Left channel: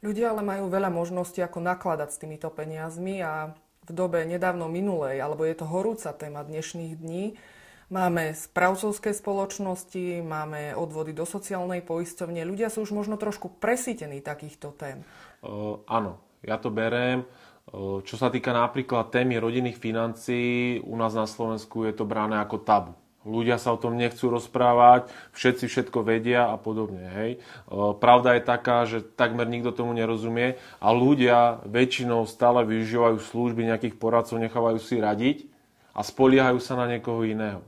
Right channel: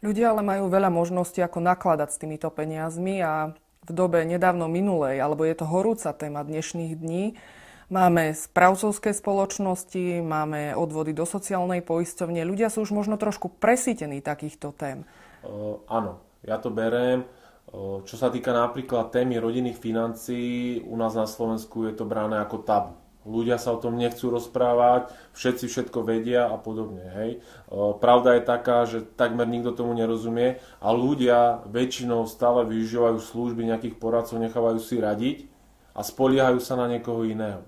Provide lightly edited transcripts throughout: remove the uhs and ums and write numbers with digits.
Ľudia ale majú veľa možností, ako nakladať s týmito peniazmi a v dobe nedávno minulej, alebo je to horúca téma dnešných dní, máme správcovské spoločnosti, máme odvody do sociálnej poisťovne. Ľudia sú už možno trošku presýtení takýchto tém. Áno, ja to beriem. Čo sa týka napríklad témy rodinných financií, u nás na Slovensku je to brané ako tabu. Ľudia sa o tom nechcú rozprávať, všetci všetko vedia a podobne. Hej. Pravda je taká, že takmer nikto tomu nerozumie a ľudia väčšinou stále využívajú služby nejakých poradcov, nechávajú si radiť a spoliehajú sa na niekoho iného.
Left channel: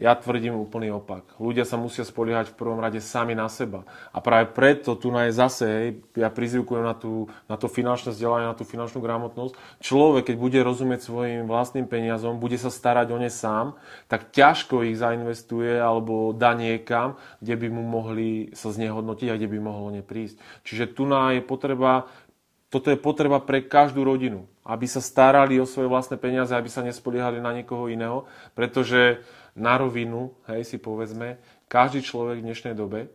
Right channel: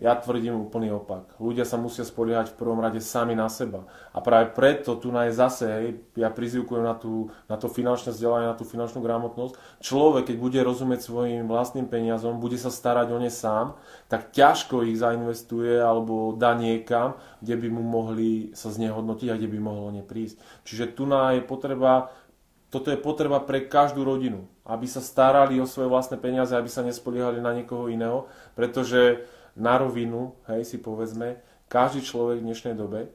Ja tvrdím úplný opak. Ľudia sa musia spoliehať v prvom rade sami na seba. A práve preto tu je zase, ja prizvukujem na to finančné vzdelanie, na tú finančnú gramotnosť. Človek, keď bude rozumieť svojim vlastným peniazom, bude sa starať o ne sám, tak ťažko ich zainvestuje alebo dá niekam, kde by mu mohli sa znehodnotiť a kde by mohlo o ne prísť. Čiže tu je potreba. Toto je potreba pre každú rodinu, aby sa starali o svoje vlastné peniaze, aby sa nespoliehali na niekoho iného, pretože na rovinu, si povedzme, každý človek v dnešnej dobe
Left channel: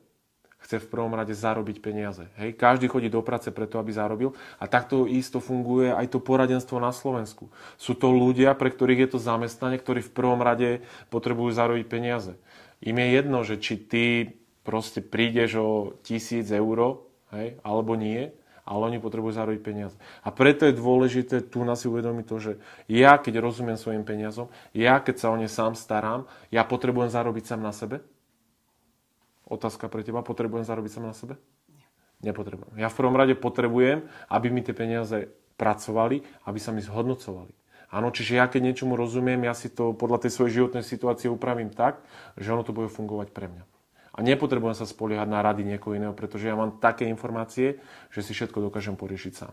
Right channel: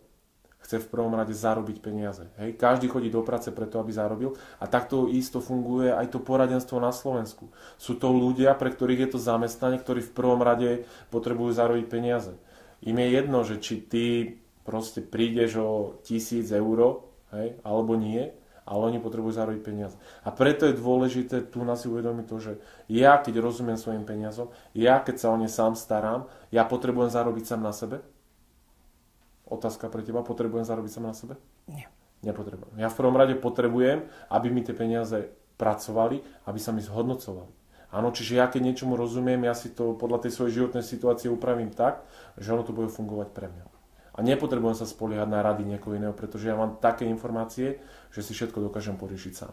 chce v prvom rade zarobiť peniaze. Každý chodí do práce preto, aby zarobil a takto isto funguje aj to poradenstvo na Slovensku. Sú to ľudia, pre ktorých je to zamestnanie, ktorí v prvom rade potrebujú zarobiť peniaze. Im je jedno, že či ty proste prídeš o 1000 eur, alebo nie, ale oni potrebujú zarobiť peniaze. A preto je dôležité tu si uvedomiť to, že ja, keď rozumiem svojim peniazom, ja, keď sa o ne sám starám, ja potrebujem zarobiť sám na sebe? Otázka pre teba, potrebujem zarobiť sám na sebe? Nie. Nepotrebujem. Ja v prvom rade potrebujem, aby mi tie peniaze pracovali, aby sa mi zhodnocovali. Áno, čiže ja, keď niečomu rozumiem, ja si to podľa tej svojej životnej situácie upravím tak, že ono to bude fungovať pre mňa. A nepotrebujem sa spoliehať na rady niekoho iného, pretože ja mám také informácie, že si všetko dokážem poriešiť sám.